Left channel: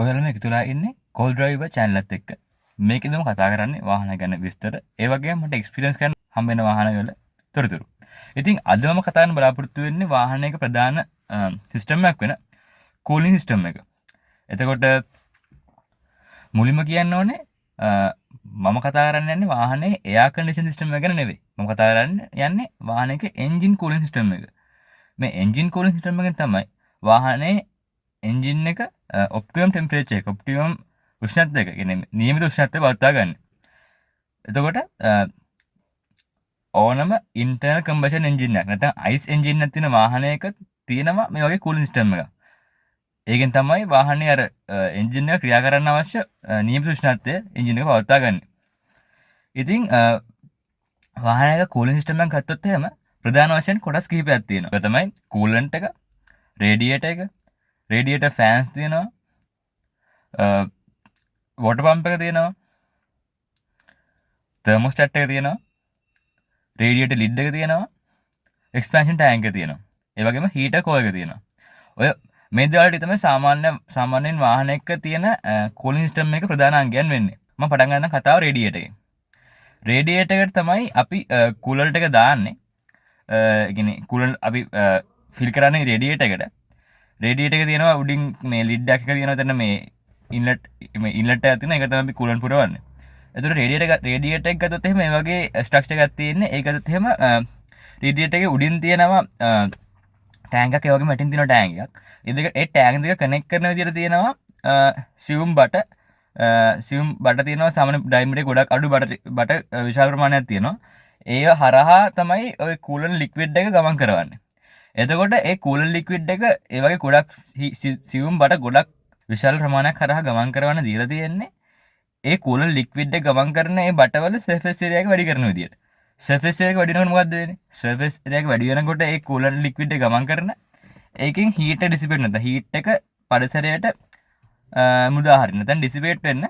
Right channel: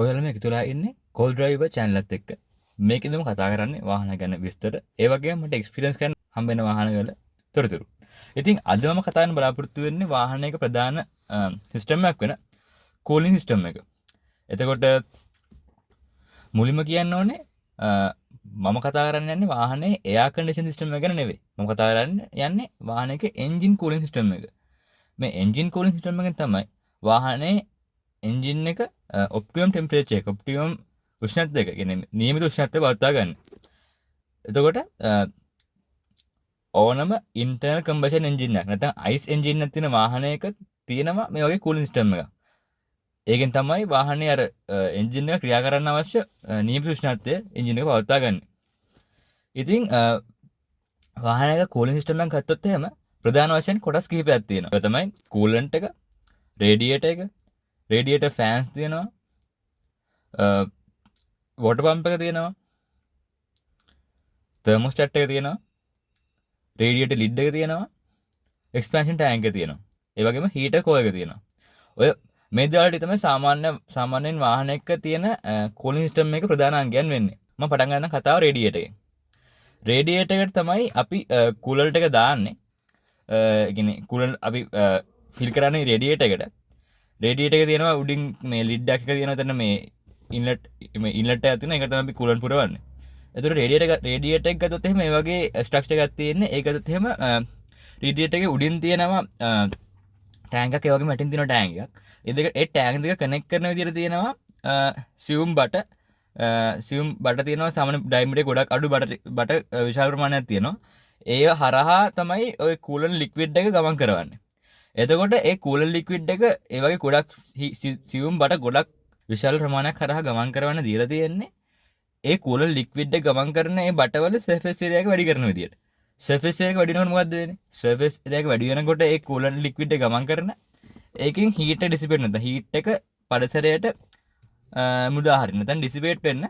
ඔයාලා මේක තුලා ඉන්නේ කෝල් ඩ්‍රයිවර් channel එකත් එක්ක. මේකෙදම කතා කරන්නේ වාහන ගැන විස්තර. ඒ වගේම මට එක්ස්පීරියන්ස් කරන්න හම්බ වෙන වාහන වල තොරතුරු. ඉතින් අද මම කතා කරන්න බලාපොරොත්තු වෙන්නේ වාහනයක ප්‍රධාන සිස්ටම් එකක් වෙන කූලින් සිස්ටම් එක. එතකොට මුලින්ම කියන්න ඕනේ මම කතා කරන්න යන්නේ වාහනේ එයාර් කන්ඩිෂන් සිස්ටම් එක ගැන නෙවෙයි. මම කතා කරන්න යන්නේ වාහනයක එන්ජින් කූලින් සිස්ටම් එක. මේ එන්ජින් කූලින් සිස්ටම් එකෙන් තමයි වාහනේ එන්ජින් එක ඔප්ටිමම් ටෙම්පරේචර් එක ඔප්ටිමම් උෂ්ණත්වය එක කියන්නේ නියමිත උෂ්ණත්වය පවත්වා ගන්න. එතකොට ඕනම ඉන්ටර්නල් කම්බෂන් එන්ජින් එකක් නැත්නම් අයිස් එන්ජින් එකක් තියෙන වාහනයක තියෙනවා මේ වගේ කූලින් සිස්ටම් එකක්. ඒකෙන් තමයි වාහනේ අර එන්ජින් එක ක්‍රියා කරන්න අවශ්‍ය නියමිත උෂ්ණත්වය එන්ජින් එක පවත්වා ගන්න. ඉතින් වාහනයක කූලින් සිස්ටම් එකක් ගත්තොත් එහෙම ප්‍රධාන වශයෙන් කොටස් කිහිපයක් තියෙනවා. ඒ තමයි කූලන්ට් එක, රේඩියේටර් එක, රේඩියේටර් ෆෑන්ස් තියෙනවා, වෝටර් පම්ප් එක තියෙනවා, තර්මෝස්ටැට් එක තියෙනවා, රේඩියේටර් ලිඩ් එක තියෙනවා, එක්ස්පැන්ෂන් ටැංක් එක තියෙනවා. ඒ වගේම හීටර් කෝර් එක තියෙනවා. ඔය මේ දේවල් ටික තමයි සාමාන්‍යයෙන් වාහනයක තියෙන කූලින් සිස්ටම් එකේ ප්‍රධාන අංගයන් වෙන්නේ. මම පටන් ගන්න කතාව රේඩියේටර් එකෙන්. රේඩියේටර් එකට තමයි අපි කූලර් එක දාන්නේ. ඒ කියන්නේ කූලර් අපි ෆිල් කරන්නේ රේඩියේටර් එකට. රේඩියේටර් එක තියෙනවා උඩින් මේ ලිඩ් එකක් තියෙනවා එතන මේ ඉන්ලට් එකක් තියෙනවා. ඒක තමයි අපි කූලන්ට් පුරවන්නේ. එතකොට රේඩියේටර් එක ගත්තොත් එහෙම මේ වගේ ස්ට්‍රක්චර් එකක් තියෙන්නේ. ඒක ගත්තොත් එහෙම රේඩියේටර් එකේ උඩින් තියෙනවා ටැංක් එකක්, ඒ වගේම යටින් තියෙනවා ටැංක් එකක්. ඒ ටැංක් දෙක කනෙක්ට් කරන විදිහට තියෙනවා සියුම් බට තියෙනවා. සාමාන්‍ය ඩයමීටර් ගොඩක් අඩු බට විශාල ප්‍රමාණයක් තියෙනවා. ඒ හරහා තමයි ඔය කූලන්ට් ලික්විඩ් එක ගමන් කරවන්නේ. එතකොට ඒ කූලන්ට් ලික්විඩ් එක ඒ වගේ ගොඩක් සියුම් බට ගොඩක් විශාල ප්‍රමාණයක් හරහා ගමන් කරවන්න දීලා තියෙන්නේ. ඒ කූලන්ට් ලික්විඩ් එක ගමන් කරන ඒ බටවල සර්ෆේස් ඒරියා එක වැඩි කරන විදියට. සර්ෆේස් ඒරියා එක වැඩි වෙනකොට මොකද්ද වෙන්නේ? සර්ෆේස් ඒරියා එක වැඩි වෙනකොට ඒ කූලන්ට් ලික්විඩ් එක ගමන් කරන ඒකෙන් හීට් එක ඩිසිපේට් නැත්නම් හීට් එක පරිසරයට මුදා හරින්න නැත්නම් ඩිසිපේට් වෙන්න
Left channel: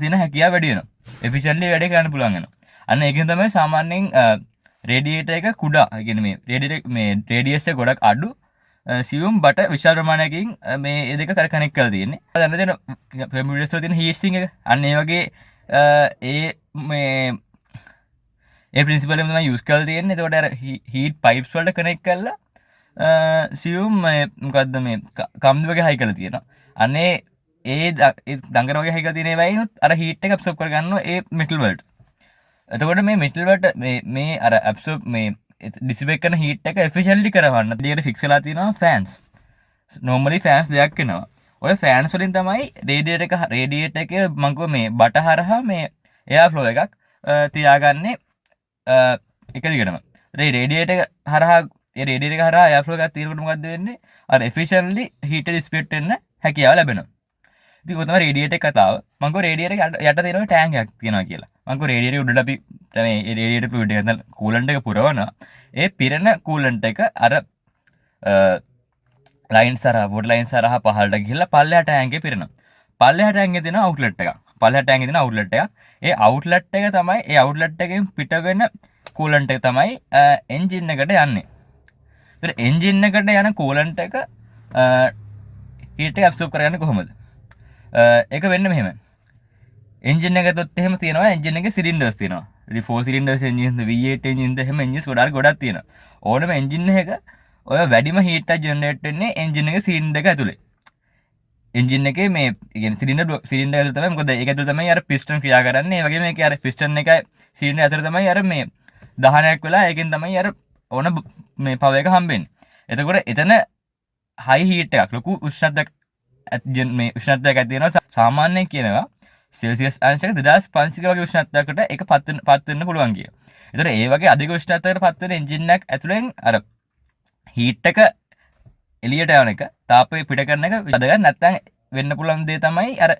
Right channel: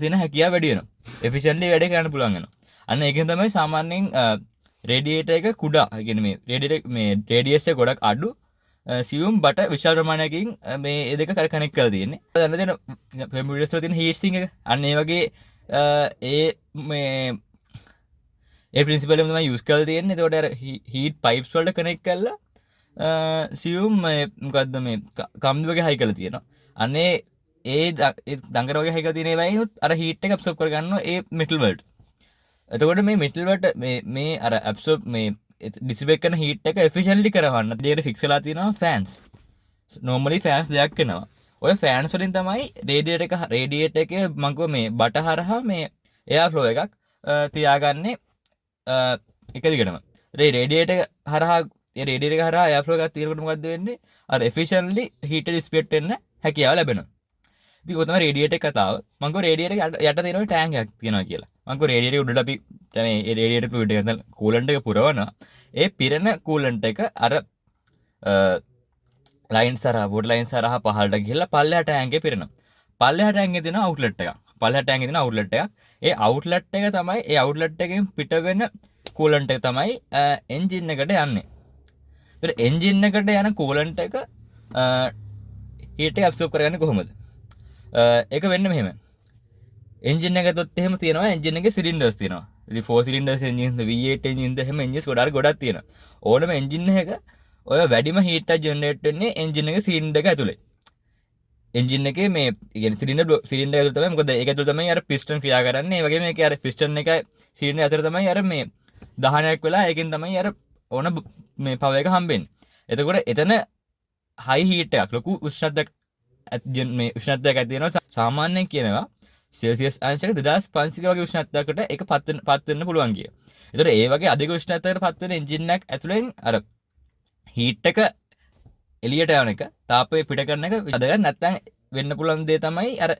තියෙන හැකියාව වැඩි වෙනවා. එෆිෂන්ට්ලි වැඩ කරන්න පුළුවන් වෙනවා. අන්න ඒකෙන් තමයි සාමාන්‍යයෙන් රේඩියේටර් එක කුඩා. ඒ කියන්නේ මේ රේඩියේටර් මේ රේඩියස් එක ගොඩක් අඩු සියුම් බට විශාල ප්‍රමාණයකින් මේ ඒ දෙක කනෙක්ට් කරලා තියෙන්නේ. දැන් දෙන කම්පියුටර්ස් වල තියෙන හීට් සිංක් එක අන්න ඒ වගේ ඒ ප්‍රින්සිපල් එක තමයි යූස් කරලා තියෙන්නේ. එතකොට අර හීට් පයිප්ස් වලට කනෙක්ට් කරලා සියුම් මොකද්ද මේ කම්බි වගේ හයි කරලා තියෙනවා. අනේ ඒ දඟර වගේ හයි කරලා තියෙන ඒවායින් අර හීට් එක ඇබ්සෝබ් කරගන්නවා ඒ මෙටල් වලට. එතකොට මේ මෙටල් වලට මේ අර ඇබ්සෝබ් මේ ඩිසිපේට් කරන හීට් එක එෆිෂන්ට්ලි කරවන්න දෙයට ෆික්ස් වෙලා තියෙනවා ෆෑන්ස්. normally ෆෑන්ස් දෙකක් වෙනවා. ඔය ෆෑන්ස් වලින් තමයි රේඩියේටර් එකේ මම කිව්ව මේ බට හරහා මේ එයාර් ෆ්ලෝ එකක් තියාගන්නේ එක දිගටම. රේඩියේටර් හරහා එයාර් ෆ්ලෝ එකක් තියෙනකොට මොකද්ද වෙන්නේ? අර එෆිෂන්ට්ලි හීට් එක ඩිසිපේට් වෙන්න හැකියාව ලැබෙනවා. ඉතින් ඔය තමයි රේඩියේටර් කතාව. මම කිව්ව රේඩියේටර් යට තියෙන ටැංක් එකක් තියෙනවා කියලා. මම කිව්ව රේඩියේටර් උඩට අපි මේ රේඩියේටර් ෆ්ලුයිඩ් එක නැත්නම් කූලන්ට් එක පුරවනවා. ඒ පිරෙන කූලන්ට් එක අර ලයින්ස් හරහා වෝටර් ලයින්ස් හරහා පහළට ගිහිල්ලා පල්ලෙහා ටැංක් එකේ පිරෙනවා. පල්ලෙහා ටැංක් එකේ තියෙන අවුට්ලට් එකක්. පල්ලෙහා ටැංක් එකේ තියෙන අවුට්ලට් එකක්. ඒ අවුට්ලට් එක තමයි ඒ අවුට්ලට් එකෙන් පිට වෙන කූලන්ට් එක තමයි එන්ජින් එකට යන්නේ. ඒතර එන්ජින් එකට යන කූලන්ට් එක හීට් එක ඇබ්සෝබ් කරගන්නේ කොහොමද? ඒක වෙන්නේ මෙහෙම. එන්ජින් එක ගත්තොත් එහෙම තියෙනවා එන්ජින් එකේ සිලින්ඩර්ස් තියෙනවා. ඉතින් 4 සිලින්ඩර්ස් එන්ජින්ස් V8 එන්ජින්ස් එහෙම එන්ජින්ස් ගොඩක් තියෙනවා. ඕනම එන්ජින් එකක ඔය වැඩිම හීට් එක ජෙනරේට් වෙන්නේ එන්ජින් එකේ සිලින්ඩර් එක ඇතුලේ. එන්ජින් එකේ මේ කියන්නේ සිලින්ඩර් ඇතුලේ තමයි මොකද ඒක ඇතුලේ තමයි අර පිස්ටන් ක්‍රියා කරන්නේ. ඒ වගේම මේකේ අර පිස්ටන් එකයි සිලින්ඩර් අතර තමයි අර මේ දහනයක් වෙලා ඒකෙන් තමයි අර ඕන මේ පවර් එක හම්බෙන්නේ. එතකොට එතන හයි හීට් එකක් ලොකු උෂ්ණත්වයක් මේ උෂ්ණත්වයක් ඇති වෙනවා. සාමාන්‍යයෙන් කියනවා සෙල්සියස් අංශක 2500 වගේ උෂ්ණත්වයකට ඒක පත් වෙන්න පුළුවන් කිය. ඒතර ඒ වගේ අධික උෂ්ණත්වයකට පත් වෙන එන්ජින් එකක් ඇතුලෙන් අර හීට් එක එළියට යවන එක තාපය පිට කරන එක වැදගත්. නැත්නම් වෙන්න පුළුවන් දේ තමයි අර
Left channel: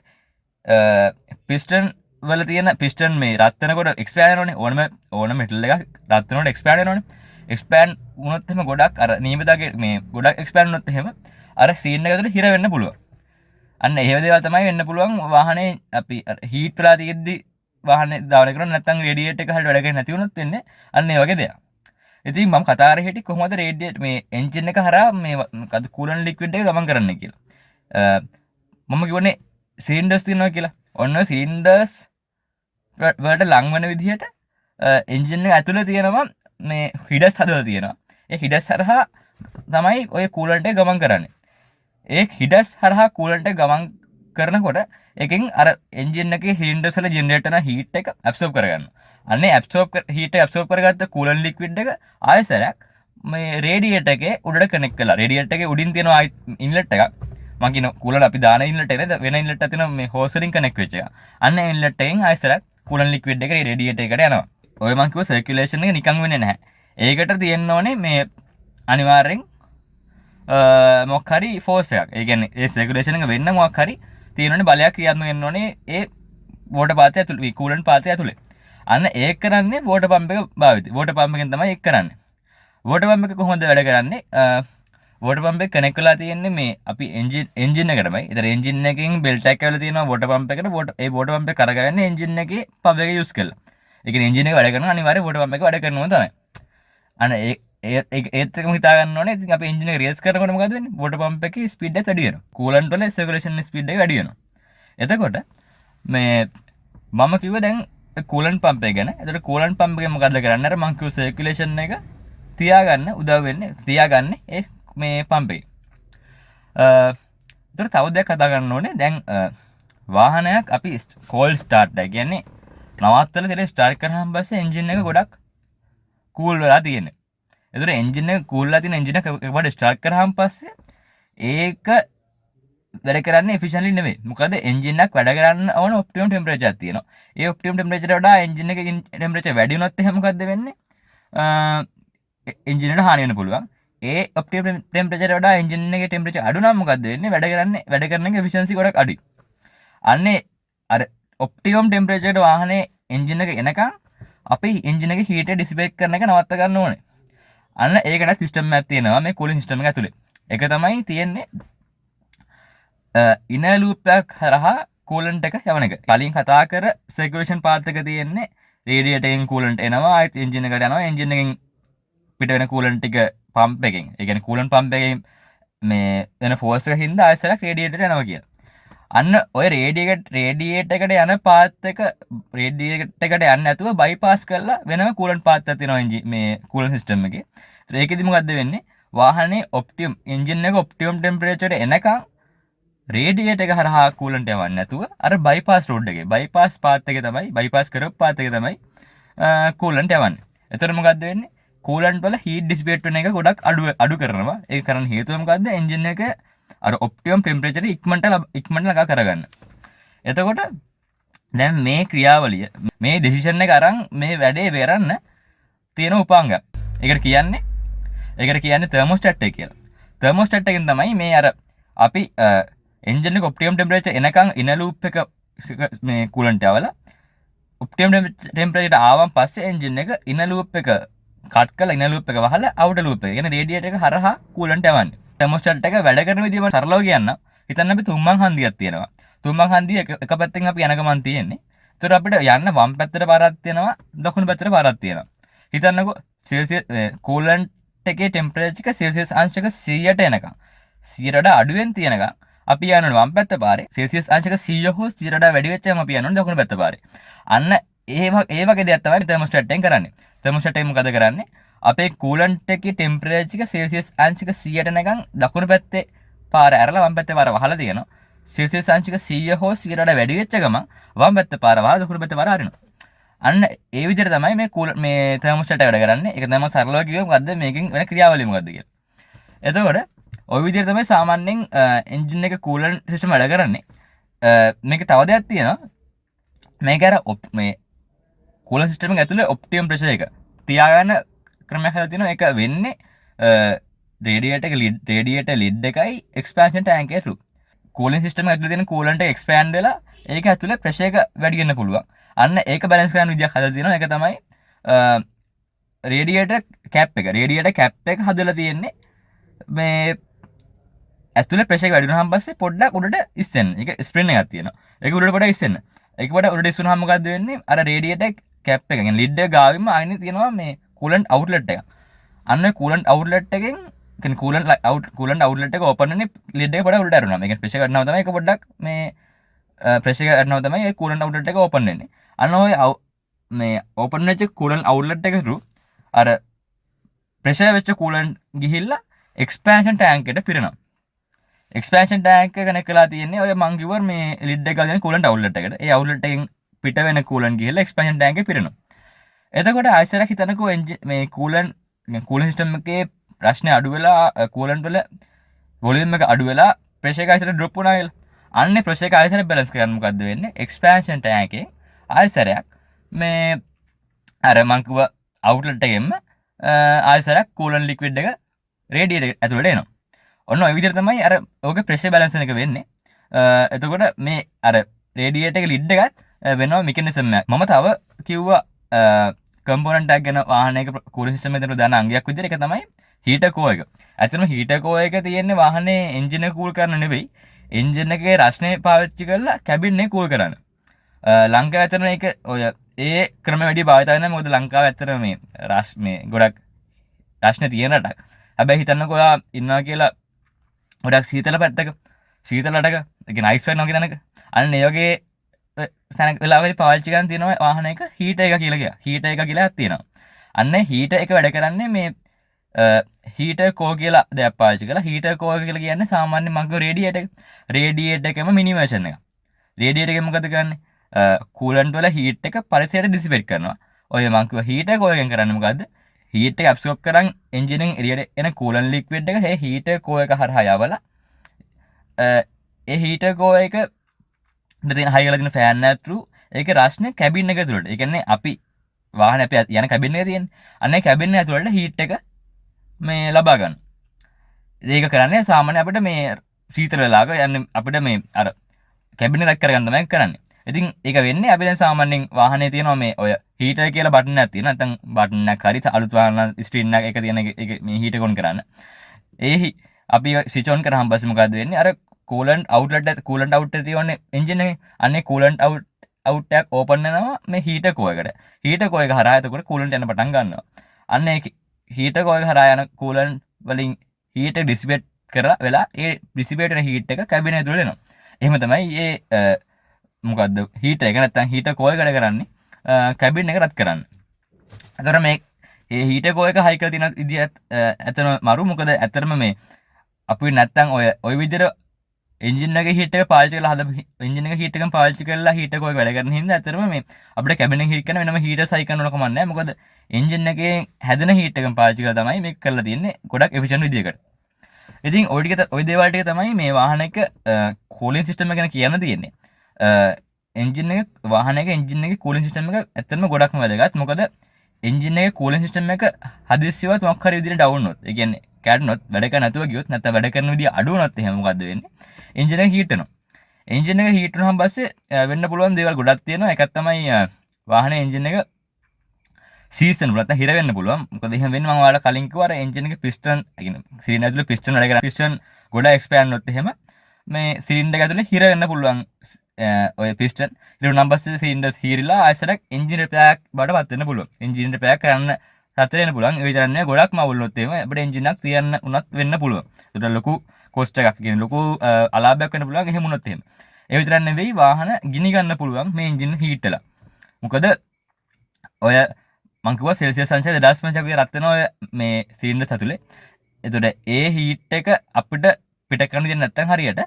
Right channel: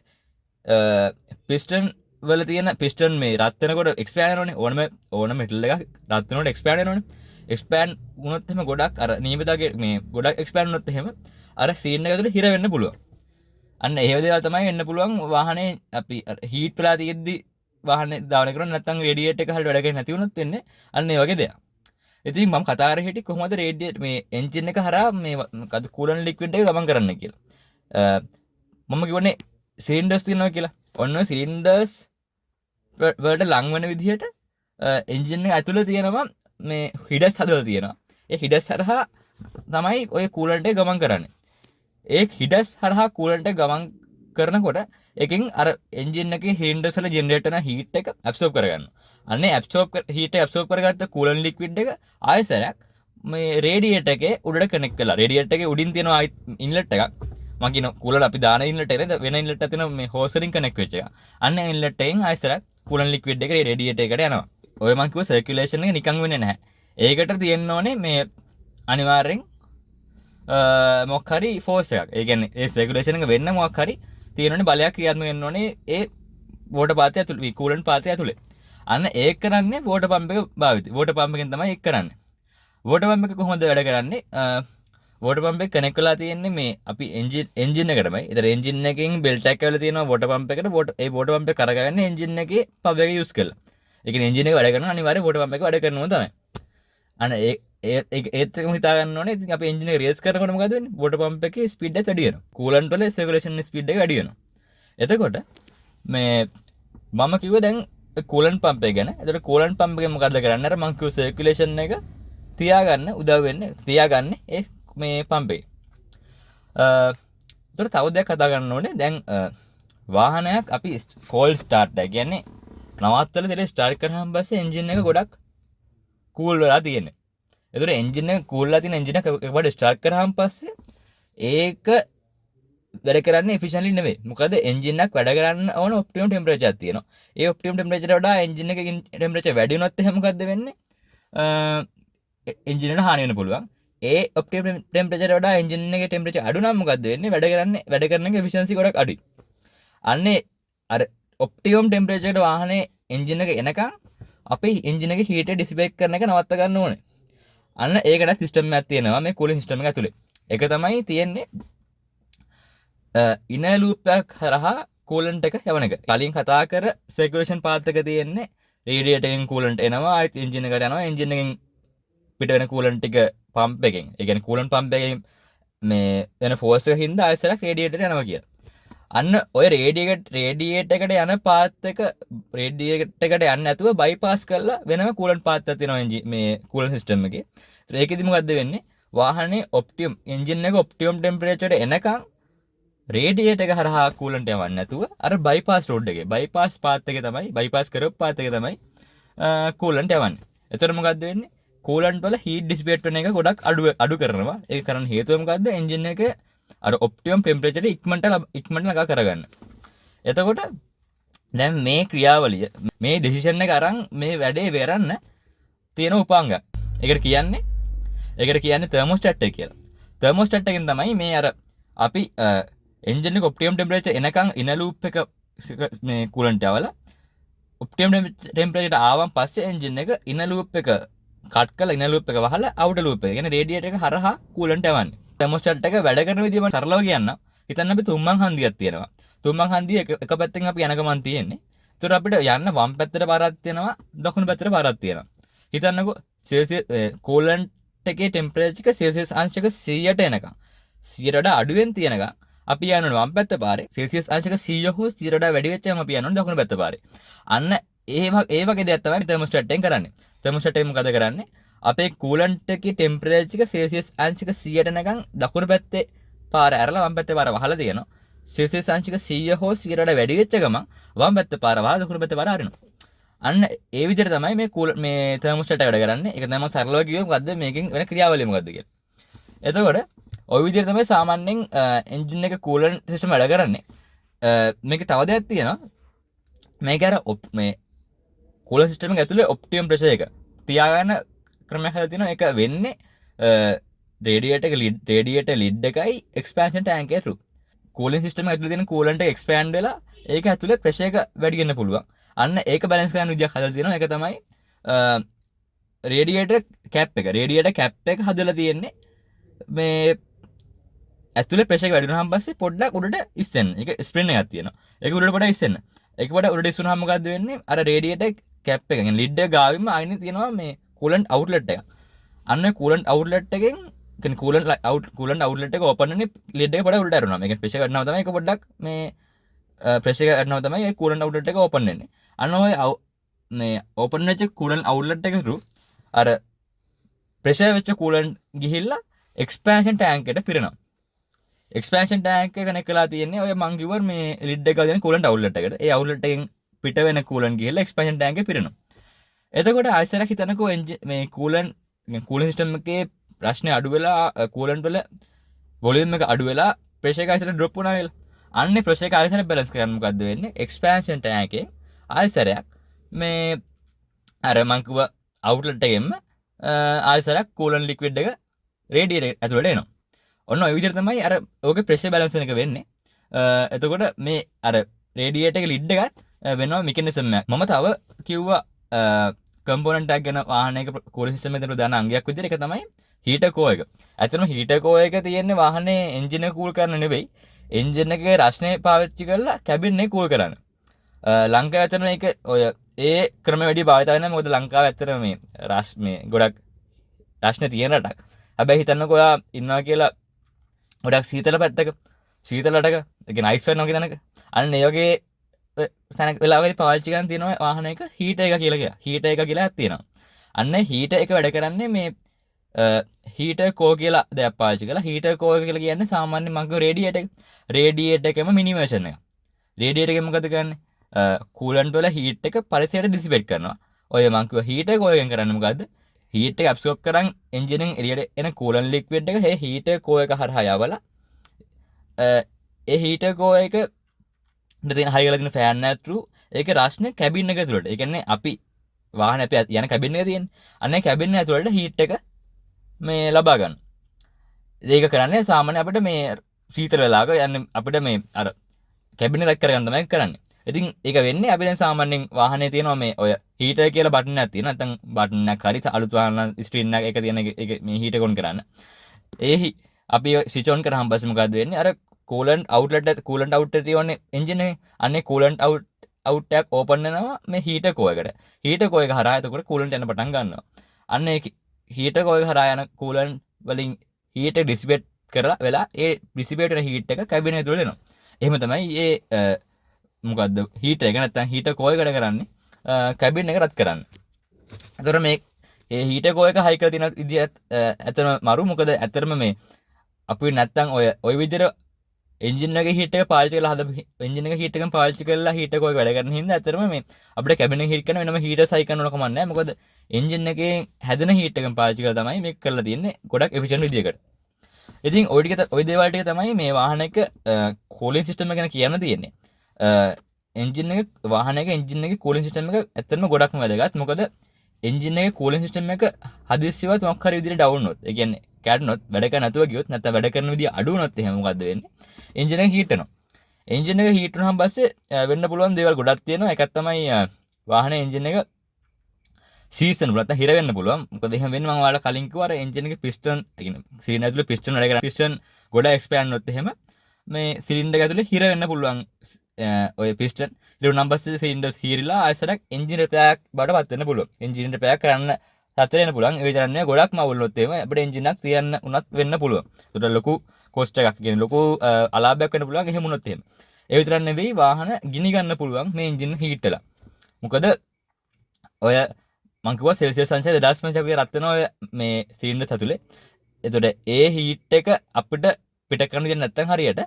පිස්ටන් වල තියෙන පිස්ටන් මේ රත් වෙනකොට එක්ස්පෑන්ඩ් වෙනවනේ. ඕනම මෙටල් එකක් රත් වෙනකොට එක්ස්පෑන්ඩ් වෙනවනේ. එක්ස්පෑන්ඩ් වුණොත් එහෙම ගොඩක් අර නියමිතගේ මේ ගොඩක් එක්ස්පෑන්ඩ් වුණොත් එහෙම අර සීන් එක ඇතුලේ හිර වෙන්න පුළුවන්. අන්න ඒ දේවල් තමයි වෙන්න පුළුවන් වාහනේ අපි හීට් වෙලා තියෙද්දි වාහනේ දාවන කරන්නේ නැත්නම් රේඩියේටර් එක හරියට වැඩ කරන්නේ නැති වුණොත් වෙන්නේ අන්න ඒ වගේ දෙයක්. ඉතින් මම කතා කරේ හිටියේ කොහොමද රේඩියේටර් මේ එන්ජින් එක හරහා මේ මොකද කූලන්ට් ලික්විඩ් එක ගමන් කරන්නේ කියලා. මම කියවනේ සිලින්ඩර්ස් තියෙනවා කියලා. ඔන්න සිලින්ඩර්ස් වලට ලං වෙන විදිහට එන්ජින් එක ඇතුලේ තියෙනවා මේ හිඩස් හදලා තියෙනවා. ඒ හිඩස් හරහා තමයි ඔය කූලන්ට් එක ගමන් කරන්නේ. ඒ හිඩස් හරහා කූලන්ට් එක ගමන් කරනකොට එකෙන් අර එන්ජින් එකේ සිලින්ඩර්ස් වල ජෙනරේට් වෙන හීට් එක ඇබ්සෝබ් කරගන්නවා. අන්නේ හීට ඇබ්සෝබ් කරගත්ත කූලන් ලික්විඩ් එක ආයෙසරයක් මේ රේඩියේටර් එකේ උඩට කනෙක්ට් කරලා රේඩියේටර් එකේ උඩින් තියෙන ඉන්ලට් එකක් මම කියන කූලන් අපි දාන ඉන්ලට් එකේ වෙන ඉන්ලට් එකක් තියෙන මේ හෝස් වලින් කනෙක්ට් වෙච්ච එක. අන්න ඉන්ලට් එකෙන් ආයෙසරයක් කූලන් ලික්විඩ් එක රේඩියේටර් එකට යනවා. ඔය මං කිව්ව සර්කියුලේෂන් එක නිකන් වෙන්නේ නැහැ. ඒකට තියෙන්න ඕනේ මේ අනිවාර්යෙන් මොකක් හරි ෆෝස් එකක්. ඒ කියන්නේ ඒ සර්කියුලේෂන් එක වෙන්න මොකක් හරි තියෙනවනේ බලයක් ක්‍රියාත්මක වෙන්න ඕනේ ඒ වෝටර් පාතය ඇතුළේ කූලන්ට් පාතය ඇතුළේ. අන්න ඒක කරන්නේ වෝටර් පම්ප් එක භාවිතයි. වෝටර් පම්ප් එකෙන් තමයි ඒක කරන්නේ. වෝටර් පම්ප් එක කොහොමද වැඩ කරන්නේ? වෝටර් පම්ප් එක කනෙක්ට් වෙලා තියෙන්නේ මේ අපි එන්ජින් එකටමයි. ඒතර එන්ජින් එකෙන් බෙල්ට් එකක් ඇවිල්ලා තියෙනවා වෝටර් පම්ප් එකට. ඒ වෝටර් පම්ප් එක කරගන්නේ එන්ජින් එකේ පවර් එක යූස් කරලා. ඒ කියන්නේ එන්ජින් එක වැඩ කරනවා අනිවාර්යයෙන් වෝටර් පම්ප් එක වැඩ කරනවා තමයි. අන්න ඒත් එකම හිතා ගන්න ඕනේ. ඉතින් අපි එන්ජින් එක රේස් කරනකොට මොකද වෙන්නේ? වෝටර් පම්ප් එකේ ස්පීඩ් එක වැඩි වෙනවා. කූලන්ට් වල සර්කියුලේෂන් ස්පීඩ් එක වැඩි වෙනවා. එතකොට මේ මම කිව්ව දැන් කූලන්ට් පම්ප් එක ගැන. එතකොට කූලන්ට් පම්ප් එකෙන් මොකද කරන්නේ? අර මං කිව්ව සර්කියුලේෂන් එක තියාගන්න උදව් වෙන්නේ තියාගන්නේ ඒ මේ පම්ප් එකේ. එතකොට තව දෙයක් කතා කරන්න ඕනේ. දැන් වාහනයක් අපි කෝල්ඩ් ස්ටාර්ට් එක කියන්නේ නවත්තලා ඉතින් ස්ටාර්ට් කරාම පස්සේ එන්ජින් එක ගොඩක් කූල් වෙලා තියෙන්නේ. එතකොට එන්ජින් එක කූල් වෙලා තියෙන එන්ජින් එක එකපාරට ස්ටාර්ට් කරාම පස්සේ ඒක වැඩ කරන්නේ එෆිෂන්ට්ලි නෙවෙයි. මොකද එන්ජින් එකක් වැඩ කරන්න ඕන ඔප්ටිමම් ටෙම්පරේචර් එකක් තියෙනවා. ඒ ඔප්ටිමම් ටෙම්පරේචර් වඩා එන්ජින් එකේ ටෙම්පරේචර් වැඩි වුණොත් එහෙනම් මොකද්ද වෙන්නේ? එන්ජින් එකට හානි වෙන්න පුළුවන්. ඒ ඔප්ටිමම් ටෙම්පරේචර් වඩා එන්ජින් එකේ ටෙම්පරේචර් අඩු නම් මොකද්ද වෙන්නේ? වැඩ කරන එක එෆිෂන්සි ගොඩක් අඩුයි. අන්නේ අර ඔප්ටිමම් ටෙම්පරේචර් එකට වාහනේ එන්ජින් එක එනකන් අපි එන්ජින් එකේ හීට් එක ඩිසිපේට් කරන එක නවත්ත ගන්න ඕනේ. අන්න ඒකට සිස්ටම් එකක් තියෙනවා මේ කූලින් සිස්ටම් එක ඇතුලේ. ඒක තමයි තියෙන්නේ ඉනර් ලූප් එකක් හරහා කූලන්ට් එක යවන එක. කලින් කතා කර සර්කියුලේෂන් පාත් එක තියෙන්නේ රේඩියේටර් එකෙන් කූලන්ට් එනවා ආයෙත් එන්ජින් එකට යනවා එන්ජින් එකෙන් පිට වෙන කූලන්ට් ටික පම්ප් එකෙන් ඒ කියන්නේ කූලන්ට් පම්ප් එකෙන් මේ වෙන ෆෝර්ස් එක හින්දා ආයෙසරක් රේඩියේටර් යනවා කියලා. අන්න ඔය රේඩියේටර් එකට යන පාත් එක රේඩියේටර් එකට යන්නේ නැතුව බයිපාස් කරලා වෙනම කූලන්ට් පාත් එකක් තියෙනවා මේ කූලන්ට් සිස්ටම් එකේ. ඒකෙදි මොකද්ද වෙන්නේ? වාහනේ ඔප්ටිමම් එන්ජින් එක ඔප්ටිමම් ටෙම්පරේචර් එනකන් රේඩියේටර් එක හරහා කූලන්ට් යවන්නේ නැතුව අර බයිපාස් රෝඩ් එකේ බයිපාස් පාත් එකේ තමයි බයිපාස් කරපු පාත් එකේ තමයි කූලන්ට් යවන්නේ. එතකොට මොකද්ද වෙන්නේ? කූලන්ට් වල හීට් ඩිසිපේට් වෙන එක ගොඩක් අඩු කරනවා. ඒක කරන්න හේතුව මොකද්ද? එන්ජින් එක අර ඔප්ටිමම් ටෙම්පරේචර් ඉක්මනට ළඟා කරගන්න. එතකොට දැන් මේ ක්‍රියාවලිය මේ ඩිසිෂන් එක අරන් මේ වැඩේ වෙරන්න තියෙන උපාංගයක්. ඒකට කියන්නේ තර්මෝස්ටැට් එක කියලා. තර්මෝස්ටැට් එකෙන් තමයි මේ අර අපි එන්ජින් එක ඔප්ටිමම් ටෙම්පරේචර් එනකන් ඉන ලූප් එක මේ කූලන්ට් යවලා ඔප්ටිමම් ටෙම්පරේචර් ආවන් පස්සේ එන්ජින් එක ඉන ලූප් එක කට් කරලා ඉන ලූප් එක වහලා අවුටර් ලූප් එක කියන්නේ රේඩියේටර් එක හරහා කූලන්ට් යවන්නේ. තර්මෝස්ටැට් එක වැඩ කරන විදිහ මම සරලව කියන්නම්. හිතන්න අපි තුම්මන් හන්දියක් තියෙනවා. තුම්මන් හන්දිය එක පැත්තෙන් අපි යන ගමන් තියෙන්නේ. ඒතර අපිට යන්න වම් පැත්තට පාරක් තියෙනවා, දකුණු පැත්තට පාරක් තියෙනවා. හිතන්නකෝ සෙල්සියස් කූලන්ට් එකේ ටෙම්පරේචර් එක සෙල්සියස් අංශක 100ට එනකම් 100ට වඩා අඩුවෙන් තියෙනකම් අපි යනවා වම් පැත්ත පාරේ. සෙල්සියස් අංශක 100 හෝ 100ට වඩා වැඩි වෙච්චාම අපි යනවා දකුණු පැත්ත පාරේ. අන්න ඒ වගේ දෙයක් තමයි තර්මෝස්ටැට් එකෙන් කරන්නේ. තර්මෝස්ටැට් එක මොකද කරන්නේ? අපේ කූලන්ට් එකේ ටෙම්පරේචර් එක සෙල්සියස් අංශක 100ට නැගන් දකුණු පැත්තේ පාර ඇරලා වම් පැත්තේ පාර වහලා තියෙනවා. සෙල්සියස් අංශක 100 හෝ 100ට වඩා වැඩි වෙච්ච ගමන් වම් පැත්තේ පාර වහලා දකුණු පැත්තේ පාර අරිනවා. අන්න ඒ විදිහට තමයි මේ තර්මෝස්ටැට් එක වැඩ කරන්නේ. ඒක තමයි සරලව කිව්වොත් මොකද්ද මේකෙන් වෙන ක්‍රියාවලිය මොකද්ද කියලා. එතකොට ওই විදිහට තමයි සාමාන්‍යයෙන් එන්ජින් එක කූලන්ට් සිස්ටම් වැඩ කරන්නේ. මේක තව දෙයක් තියෙනවා. මේක අර මේ කූලන්ට් සිස්ටම් එක ඇතුලේ ඔප්ටිමම් ප්‍රෙෂර් එක තියාගන්න ක්‍රමයක් හදලා තියෙනවා. ඒක වෙන්නේ රේඩියේටර් ලිඩ් එකයි එක්ස්පැන්ෂන් ටැංක් එකේ through. කූලින් සිස්ටම් එක ඇතුලේ තියෙන කූලන්ට් එක එක්ස්පෑන්ඩ් වෙලා ඒක ඇතුලේ ප්‍රෙෂර් එක වැඩි වෙන්න පුළුවන්. අන්න ඒක බැලන්ස් කරන්න විදියක් හදලා තියෙනවා. ඒක තමයි රේඩියේටර් කැප් එක. රේඩියේටර් කැප් එක හදලා තියෙන්නේ මේ ඇතුලේ ප්‍රෙෂර් එක වැඩි වුණාම පස්සේ පොඩ්ඩක් උඩට ඉස්සෙන්න. ඒක ස්ප්‍රින් එකක් තියෙනවා. ඒක උඩට පොඩ්ඩක් ඉස්සෙන්න. ඒක පොඩ්ඩක් උඩට ඉස්සුනහම මොකද්ද වෙන්නේ? අර රේඩියේටර් කැප් එක කියන්නේ ලිඩ් එක ගාවින්ම ආයෙත් තියෙනවා මේ කූලන්ට් අවුට්ලට් එක. අන්න කූලන්ට් අවුට්ලට් එකෙන් කියන්නේ කූලන්ට් අවුට්ලට් එක ඕපන් වෙන්නේ ලිඩ් එක පොඩ්ඩක් උඩට ඇරුණා. මේක ප්‍රෙෂර් ගන්නවා තමයි ඒක පොඩ්ඩක් මේ ප්‍රෙෂර් එක අඩනවා තමයි ඒ කූලන්ට් අවුට්ලට් එක ඕපන් වෙන්නේ. අන්න ඔය මේ ඕපන් වෙච්ච කූලන්ට් අවුට්ලට් එක through අර ප්‍රෙෂර් වෙච්ච කූලන්ට් ගිහිල්ලා එක්ස්පැන්ෂන් ටැංක් එකට පිරෙනවා. එක්ස්පැන්ෂන් ටැංක් එක කනෙක්ට් කරලා තියෙන්නේ ඔය මං කිව්වා මේ ලිඩ් එක ගාගෙන කූලන්ට් අවුට්ලට් එකට. ඒ අවුට්ලට් එකෙන් පිට වෙන කූලන්ට් ගිහිල්ලා එක්ස්පැන්ෂන් ටැංක් එකේ පිරෙනවා. එතකොට ආයෙසරක් හිතනකෝ මේ කූලන්ට් සිස්ටම් එකේ ප්‍රශ්නේ අඩු වෙලා කූලන්ට් වල වොලියුම් එක අඩු වෙලා ප්‍රෙෂර් එක ආයෙසර ඩ්‍රොප් වුණා කියලා. අන්නේ ප්‍රෙෂර් එක ආයෙසර බැලන්ස් කරන්න මොකද්ද වෙන්නේ? එක්ස්පැන්ෂන් ටැංක් එකේ ආයෙසරයක් මේ අර මං කිව්වා අවුට්ලට් එකෙන්ම ආයෙසරක් කූලන්ට් ලික්විඩ් එක රේඩියේටර් ඇතුළට එනවා. ඔන්න ඔය විදිහට තමයි අර ඕකේ ප්‍රෙෂර් බැලන්ස් එක වෙන්නේ. එතකොට මේ අර රේඩියේටර් එක ලිඩ් එකත් වෙනවා මෙකැනිසම් එකක්. මම තව කිව්වා කම්පොනන්ට් එකක් ගැන වාහනයක කූලින් සිස්ටම් එකේ දාන අංගයක් විදිහට. ඒක තමයි හීටර් කෝ එක. ඇත්තටම හීටර් කෝ එක තියෙන්නේ වාහනේ එන්ජින් එක කූල් කරන්න නෙවෙයි. එන්ජින් එකේ රස්නේ පාවිච්චි කරලා කැබින් එක කූල් කරන්න. ලංකාවේ ඇත්තටම මේක ඔය ඒ ක්‍රම වැඩි භාවිත වෙනවා. මොකද ලංකාවේ ඇත්තටම මේ ගොඩක් රස්නේ තියෙන රටක්. හැබැයි හිතන්නකෝ ඔයා ඉන්නවා කියලා ගොඩක් සීතල පැත්තක සීතල රටක ඒ කියන්නේ අයිස් වෙනවා කියන එක. අන්න ඒ වගේ තැනක වෙලාවකදී පාවිච්චි කරන් තියෙනවා වාහනයක හීටර් එක කියලා කියනවා. හීටර් එක කියලා එකක් තියෙනවා. අන්න හීටර් එක වැඩ කරන්නේ මේ හීටර් කෝ කියලා දෙයක් පාවිච්චි කරලා. හීටර් කෝ එක කියලා කියන්නේ සාමාන්‍ය මං කියව රේඩියේටර් එක. රේඩියේටර් එකම මිනි වර්ෂන් එක. රේඩියේටර් එකෙන් මොකද කරන්නේ? කූලන්ට් වල හීට් එක පරිසරයට ඩිසිපේට් කරනවා. ඔය මං කිව්ව හීටර් කෝ එකෙන් කරන්නේ මොකද්ද? හීට් එක ඇබ්සෝබ් කරන් එන්ජින් එකෙන් එළියට එන කූලන්ට් ලික්විඩ් එක මේ හීටර් කෝ එක හරහා යවලා ඒ හීටර් කෝ එක දෙන හයි කරලා තියෙන ෆෑන් එක through ඒකේ රස්නේ කැබින් එක ඇතුළට. ඒ කියන්නේ අපි වාහනේ අපි යන කැබින් එකේ තියෙන්නේ. අන්න ඒ කැබින් එක ඇතුළට හීට් එක මේ ලබා ගන්න. ඒක කරන්නේ සාමාන්‍ය අපිට මේ සීතල වෙලාවක යන්නේ අපිට මේ අර කැබින් එක රැක් කරගන්න තමයි කරන්නේ. ඉතින් ඒක වෙන්නේ අපි දැන් සාමාන්‍යයෙන් වාහනේ තියෙනවා මේ ඔය හීටර් කියලා බටන් එකක් තියෙනවා. නැත්නම් බටන් එකක් හරි අලුත් වාහන ස්ක්‍රීන් එක තියෙන එක මේ හීටර් ඔන් කරන්න. ඒ අපි ස්විච් ඔන් කරාම පස්සේ මොකද වෙන්නේ? අර කූලන්ට් අවුට්ලට් එක තියෙන්නේ එන්ජින් එකේ. අන්නේ කූලන්ට් අවුට් එකක් ඕපන් වෙනවා මේ හීටර් කෝ එකට. හීටර් කෝ එක හරහා එතකොට කූලන්ට් යන පටන් ගන්නවා. අන්න ඒ හීටර් කෝ එක හරහා යන කූලන්ට් වලින් හීට් එක ඩිසිපේට් කරලා වෙලා ඒ ඩිසිපේට් වෙන හීට් එක කැබින් එක තුළ එනවා. එහෙම තමයි ඒ මොකද්ද හීටර් එක නැත්නම් හීටර් කෝ එක වැඩ කරන්නේ කැබින් එක රත් කරන්න. එතකොට මේ හීටර් කෝ එක හයි කරලා තියෙන විදිහත් ඇත්තම මරු. මොකද ඇත්තටම මේ අපි නැත්නම් ඔය විදිහට එන්ජින් එකේ හීට් එක පාවිච්චි කරලා හදපු එන්ජින් එකේ හීට් එකම පාවිච්චි කරලා හීටර් කෝ එක වැඩ කරන හින්දා ඇත්තටම මේ අපිට කැබින් එක හීට් කරන වෙනම හීටර් සයි කරන්න ඕන කමක් නැහැ. මොකද එන්ජින් එකේ හැදෙන හීට් එකම පාවිච්චි කරලා තමයි මේක කරලා තියෙන්නේ ගොඩක් එෆිෂන්ට් විදිහකට. ඉතින් ඔය දේවල් ටික තමයි මේ වාහනයක කූලින් සිස්ටම් එක ගැන කියන්න තියෙන්නේ. එන්ජින් එක වාහනයක එන්ජින් එකේ කූලින් සිස්ටම් එක ඇත්තටම ගොඩක්ම වැදගත්. මොකද එන්ජින් එකේ කූලින් සිස්ටම් එක හදිස්සියවත් මොකක් හරි විදිහට ඩවුන් වුණොත්, ඒ කියන්නේ කැඩුනොත්, වැඩ කරන්න නැතුව ගියොත්, නැත්නම් වැඩ කරන විදිහ අඩු වුණොත් එහෙම මොකද්ද වෙන්නේ? එන්ජින් එක හීට් වෙනවා. එන්ජින් එක හීට් වුණාම පස්සේ වෙන්න පුළුවන් දේවල් ගොඩක් තියෙනවා. එකක් තමයි වාහනේ එන්ජින් එක සීස් වෙන්න පුළුවන්, නැත්නම් හිර වෙන්න පුළුවන්. මොකද එහෙම වෙන්නේ මම ඔයාලට කලින් කිව්වා අර එන්ජින් එකේ පිස්ටන්, ඒ කියන්නේ සිලින්ඩර් ඇතුලේ පිස්ටන් වැඩ කරන පිස්ටන් ගොඩ එක්ස්පෑන්ඩ් වුණොත් එහෙම මේ සිලින්ඩර් එක ඇතුලේ හිර වෙන්න පුළුවන්. ඔය පිස්ටන් ඉතින් උනම් පස්සේ සිලින්ඩර්ස් හීරිලා ආයෙසරක් එන්ජින් රිපෙයාර් බඩපත් වෙන්න පුළුවන්. එන්ජින් රිපෙයාර් කරන්න සතර වෙන්න පුළුවන්. ඒ විතරක් ගොඩක් මවුල් වුණොත් එහෙම අපිට එන්ජින් එකක් තියන්න උනත් වෙන්න පුළුවන්. ඒකට ලොකු කොස්ට් එකක් කියන්නේ ලොකු අලාභයක් වෙන්න පුළුවන් එහෙම වුණොත් එහෙම. ඒ විතරක් නෙවෙයි වාහන ගිනි ගන්න පුළුවන් මේ එන්ජින් හීට් වෙලා. මොකද ඔය මං කිව්වා සෙල්සියස් අංශය 2500 වගේ රත් වෙනවා මේ සිලින්ඩර් ඇතුලේ. එතකොට ඒ හීට් එක අපිට පිට කරන්න දෙන්නේ නැත්නම් හරියට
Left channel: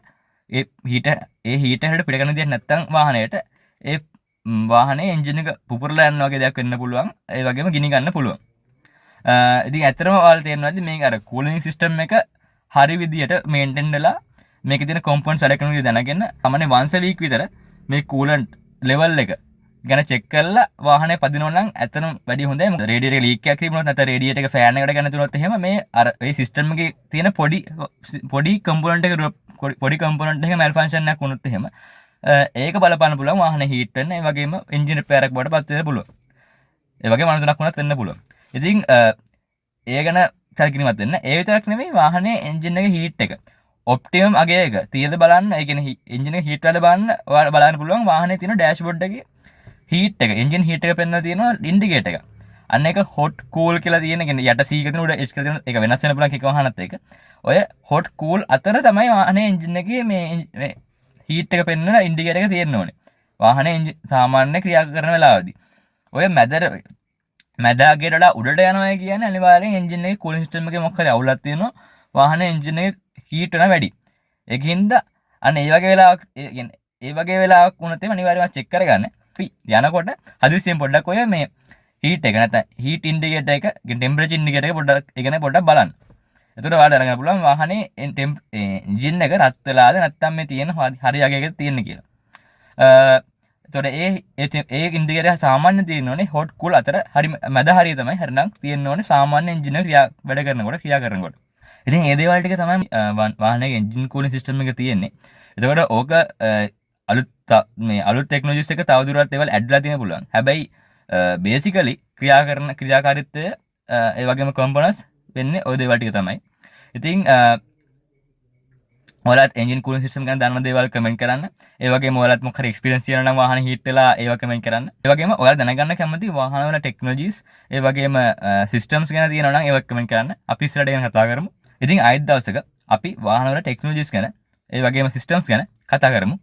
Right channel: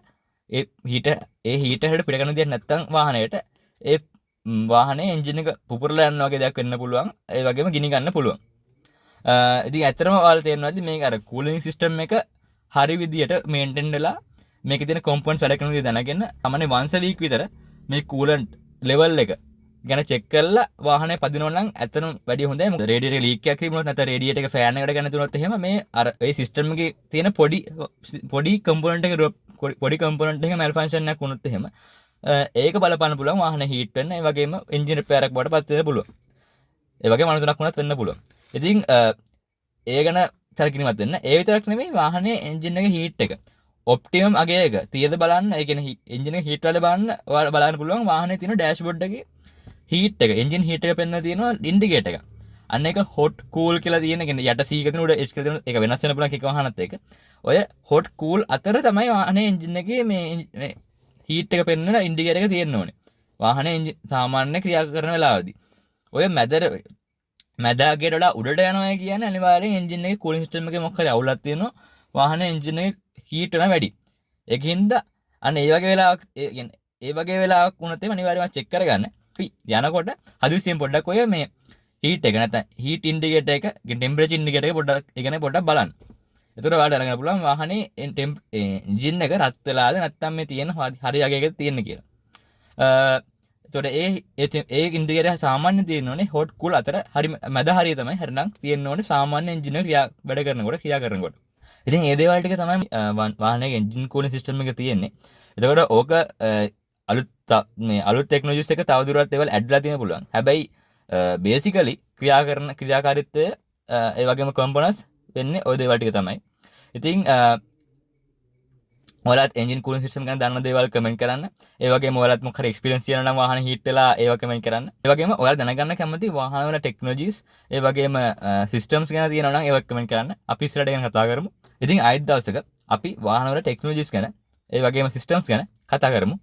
ඒ හීටර් හැඩ පිට කරන්න දෙන්නේ නැත්නම් වාහනයට ඒ වාහනේ එන්ජින් එක පුපුරලා යනවා වගේ දෙයක් වෙන්න පුළුවන්. ඒ වගේම ගිනි ගන්න පුළුවන්. ඉතින් ඇත්තටම ඔයාලා තේරෙනවද මේක අර කූලින් සිස්ටම් එක හරි විදියට මේන්ටේන් වෙලා මේකේ තියෙන කොම්පොනන්ට්ස් වැඩ කරන විදිය දැනගෙන තමයි once a week විතර මේ කූලන්ට් ලෙවල් එක ගැන චෙක් කරලා වාහනේ පදිනවා නම් ඇත්තටම වැඩි හොඳයි. මොකද රේඩියේටර් එක ලීක් එකක් තිබුණොත් නැත්නම් රේඩියේටර් එක ෆෑන් එකකට ගන්න තුනොත් එහෙම මේ අර ඒ සිස්ටම් එකේ තියෙන පොඩි කම්පොනන්ට් එක පොඩි කම්පොනන්ට් එකේ මැල්ෆන්ක්ෂන් එකක් වුණොත් එහෙම ඒක බලපාන්න පුළුවන් වාහනේ හීට් වෙන්න. ඒ වගේම එන්ජින් රිපෙයාර් එකක් බවට පත් වෙන්න පුළුවන්. ඒ වගේම අනුතුනක් වුණත් වෙන්න පුළුවන්. ඉතින් ඒ ගැන සැලකිලිමත් වෙන්න. ඒ විතරක් නෙමෙයි වාහනේ එන්ජින් එකේ හීට් එක ඔප්ටිමම් අගය එක තියද බලන්න. ඒ කියන්නේ එන්ජින් එකේ හීට් වල බලන්න ඔයාලා බලන්න පුළුවන් වාහනේ තියෙන ඩෑෂ්බෝඩ් එකේ හීට් එක එන්ජින් හීට් එක පෙන්වලා තියෙනවා ඉන්ඩිකේටර් එක. අන්න ඒක හොට් කූල් කියලා තියෙන. ඒ කියන්නේ යට C එකකින් උඩ H කියලා තියෙන ඒක වෙනස් වෙන්න පුළුවන් එක වාහනත් එක. ඔය හොට් කූල් අතර තමයි වාහනේ එන්ජින් එකේ මේ හීට් එක පෙන්වන ඉන්ඩිකේටර් එක තියෙන්න ඕනේ. වාහනේ සාමාන්‍ය ක්‍රියා කරන වෙලාවදී. ඔය මැදගේට වඩා උඩට යනවා කියන්නේ අනිවාර්යෙන් එන්ජින් එකේ කූලින් සිස්ටම් එකේ මොකක් හරි අවුලක් තියෙනවා. වාහනේ එන්ජින් එක හීට් වෙනවා වැඩි. ඒකින්ද අන්න ඒ වගේ වෙලාවක් වුණත් අනිවාර්යයෙන්ම චෙක් කරගන්න. යනකොට හදිස්සියෙන් පොඩ්ඩක් ඔය මේ හීට් එක නැත්නම් හීට් ඉන්ඩිකේටර් එක ටෙම්පරේචර් ඉන්ඩිකේටර් එක පොඩ්ඩක් බලන්න. එතකොට ඔයාලට දැනගන්න පුළුවන් වාහනේ එන්ජින් එක රත් වෙලාද නැත්නම් මේ තියෙන හරි යකේකද තියෙන්නේ කියලා. එතකොට ඒ ඉන්ඩිකේටර් සාමාන්‍යයෙන් තියෙන්න ඕනේ හොට් කූල් අතර හරි මැද හරිය තමයි හරිනම් තියෙන්න ඕනේ සාමාන්‍ය එන්ජින් එක වැඩ කරනකොට. ඉතින් ඒ දේවල් ටික තමයි වාහනයේ එන්ජින් කූලින් සිස්ටම් එක තියෙන්නේ. එතකොට ඕක අලුත් ටෙක්නොලොජිස් එක තවදුරටත් ඒවල් ඇඩ්ලා තියෙන්න පුළුවන්. හැබැයි බේසිකලි ක්‍රියාකාරීත්වය ඒ වගේම කම්පොනන්ට්ස් වෙන්නේ ওই දේවල් ටික තමයි. ඉතින් ඔයාලත් එන්ජින් කූලින් සිස්ටම් ගැන දන්න දේවල් කමෙන්ට් කරන්න. ඒ වගේම ඔයාලත් මොකක් හරි එක්ස්පීරියන්ස් තියෙනවා නම් වාහන හීට් වෙලා ඒව කමෙන්ට් කරන්න. ඒ වගේම ඔයාලා දැනගන්න කැමති වාහන වල ටෙක්නොලොජිස් ඒ වගේම සිස්ටම්ස් ගැන තියෙනවා නම් ඒව කමෙන්ට් කරන්න. අපි ඉස්සරහට ගැන කතා කරමු. ඉතින් ආයෙත් දවසක අපි වාහන වල ටෙක්නොලොජිස් ගැන ඒ වගේම සිස්ටම්ස් ගැන කතා කරමු.